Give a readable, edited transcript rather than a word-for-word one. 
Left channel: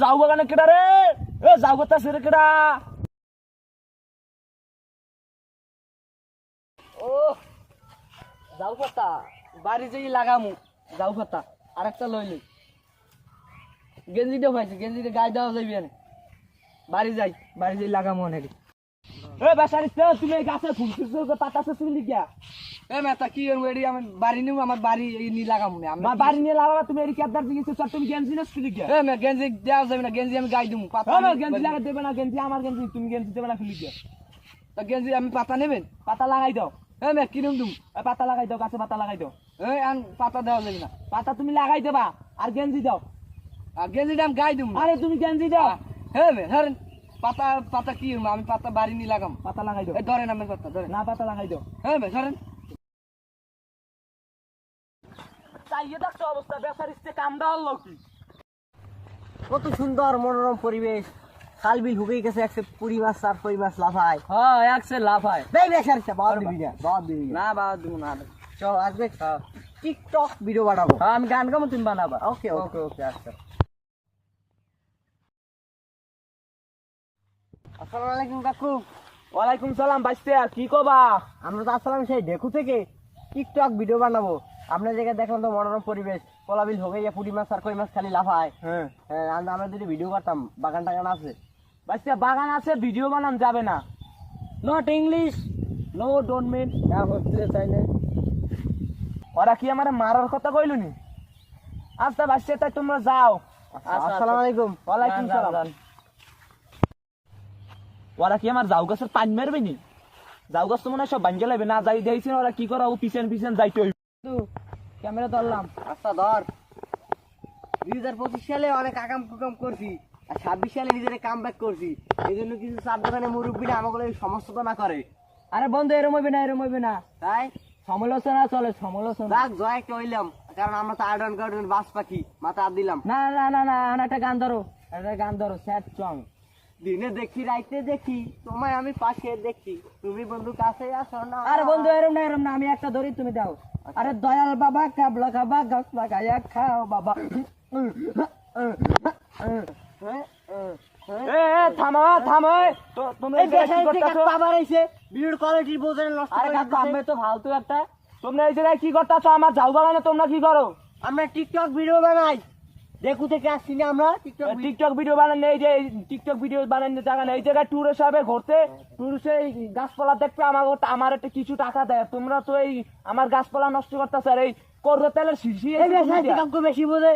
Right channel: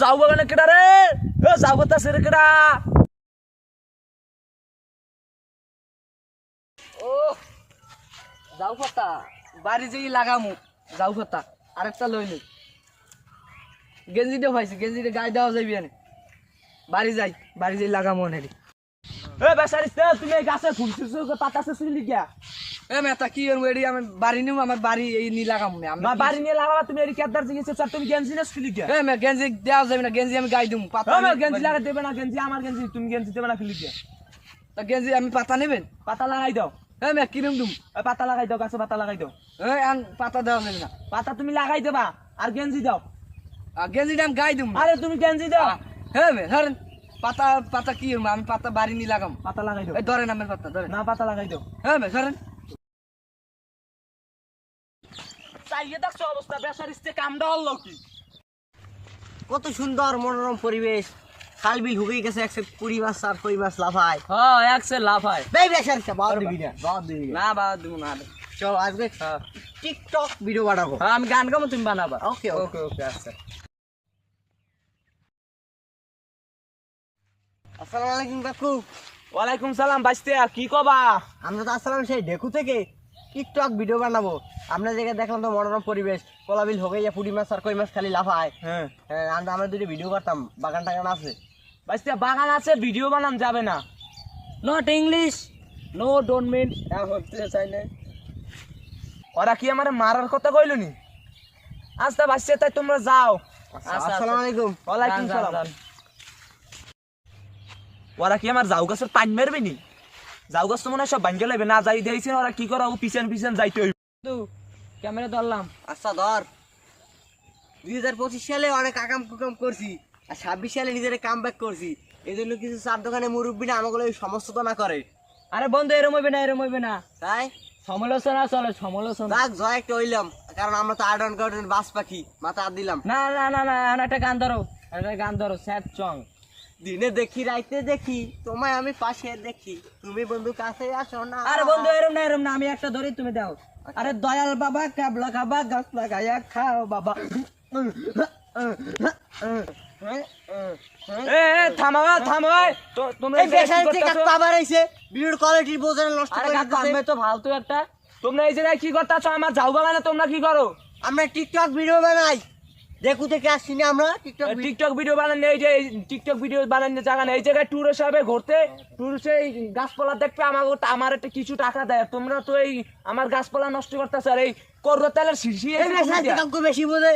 যাও বাগানে কেডা রে যাও বাতাসে রে কেডা ও যাও পাতা বাড়ি যেই লাগামু যাও পাতা আরেকটা লইলে গেঞ্জিটা পাইছি গেঞ্জিটা গায়ে দেওয়া যাইবি না বাড়ি যাই লাগামু আনেরি এ বেসারিস তুমি এই গাছে ফুলছিস পাতা ছিলি গিয়া এ মেতা কি এডি আমি বাড়ি নিউ আমার বাড়ি এই নি লাগামু না আমি বাড়ি নিয়ে লাগাবা তুমি এডি কেদার জিনিস স্যার তুমি গেঞ্জি না ছিলি গিয়া এ মে গেঞ্জি দেওয়া যাবে না গেঞ্জি আমি গায়ে দিমু পাতা আমি গেঞ্জি লাগা দেবে না গেঞ্জি আমার গেঞ্জি তুমি গেঞ্জি দেবে না ছিলি গিয়া তা গেঞ্জি আমি পাতা নেবেন পাতা লাগাই দাও এ মে কিরম দুম পাতা লাগাই দাও গাছে পাতা লাগাই দাও এ আন পাতা দেওয়া যাবে না পাতা তুমি লাগাই দেবা আর গেঞ্জি দাও আর গেঞ্জিটা আমি গায়ে দিমু আরে তুমি গেঞ্জি দাও হে মে ধরেন পাতা পাতা কি আমি পাতা বাড়ি নি লাগাম পাতা লাগাই দাও এই ধরেন আমার পাতা ধরেন না পাতা লাগাই দাও হ্যাঁ ভাই ধরেন চাইয়ে দেখছো অবস্থা বেসারিস্তে কামটা হলো কি কত সুন্দর মনোরম পরিবেশ খাল বিল হুকে গেছে একসে পুরি মাছ আর কই মাছ লাফায় হ্যাঁ একসে লাফায় বেই বেসারিস্তে বাদ দিবি না না বাদ দিব না চল আজকে টিকটক ভিডিও বানাবো হ্যাঁ আমি গান গাবো তুমি বানাবা ওকে ওকে ওকে আচ্ছা আসসালামু আলাইকুম কাকু ওয়ালাইকুম সালাম বাইস্তে আর কি কবা আমরা তো আসলাম সেই ডেকু থেকে টিকটক ভিডিও বানাবো আপনার জায়গায় দেখলাম তো মনোরম পরিবেশ কলাবিল হবে ইয়া পুরি মাছ আর কই মাছ খালি লাফায় হ্যাঁ আমরা দুটো ভিডিও করতাম বাগান টাগান আছে বাইস্তে বাগান আছে ভিডিও বানান যাবে না not English no don't mean না হচ্ছে চাই না ওরা কি আমার মারার কথা কইলো নি আচ্ছা বাইস্তে তাই তোমরা যাও আসসালামু আলাইকুম ওয়ালাইকুম সালাম ওরা কি আমার জাউ গাছের পানি মারবে নি জাউ গাছ তো মনে হয় সব ভাঙ্গে লাগবে না যাই দিয়েছে ওরা কি করা ও পিছন পিছন যাইতে হইব ক্যামেরা ধরলাম আচ্ছা ধর 2025 সালে অনেক আকাম কুকাম করছি আর 26 সালে নিজের কাম ব্যাক করছি এই জন্য কিছু চার দোকানে মুরব্বীরা আমাকে সমস্যা না করে আরে বন্ধু এরম হইবে না তাই সমালোচনা চলে সমালোচনা যাক জয় একটা হইলাম কারণ আমরা তো আর্ডন গার্ডেন বাস পাখি মাথা হাত দিলাম না একটা গান ধরো স্যাড সং দিনে দেখি রাইতে দেখি তোমায় আমি পাশে দেখি তুমি বন্ধু কাছে আসো না আরে বন্ধু এরম না আমি একটা ধরি তুমি দাও আরে দয়াল বাবা কাবলা খাবা গাছ লাগায়া খাও বাবা এ থামো তোমরা এই বেশাল থেকে আবার আইছে ভিডিওর কোয়ালিটি বোঝানো নষ্ট আরে করে কাকু দিতেছে আমি তো ফালতু একটা তোমরা এই জায়গায় কি করতেছো আমার যাও বাগানে তোমরা কি করো আমরা টিকটক ভিডিও বানাই দেখু থেকে আসছি না আমরা টিকটক ভিডিও বানানো এই যে টিকটক ভিডিও বানানোর জায়গা নেই এই জায়গায় ট্যুরে যাবে ঘুরতে ট্যুরে এই গাছপালা দেখবে আমার একটা কিছু টাকা দেয় তোমরা তো এই আমার গাছপালা নষ্ট করতেছ আর এই করো তেলের শিশি বেশি বোঝে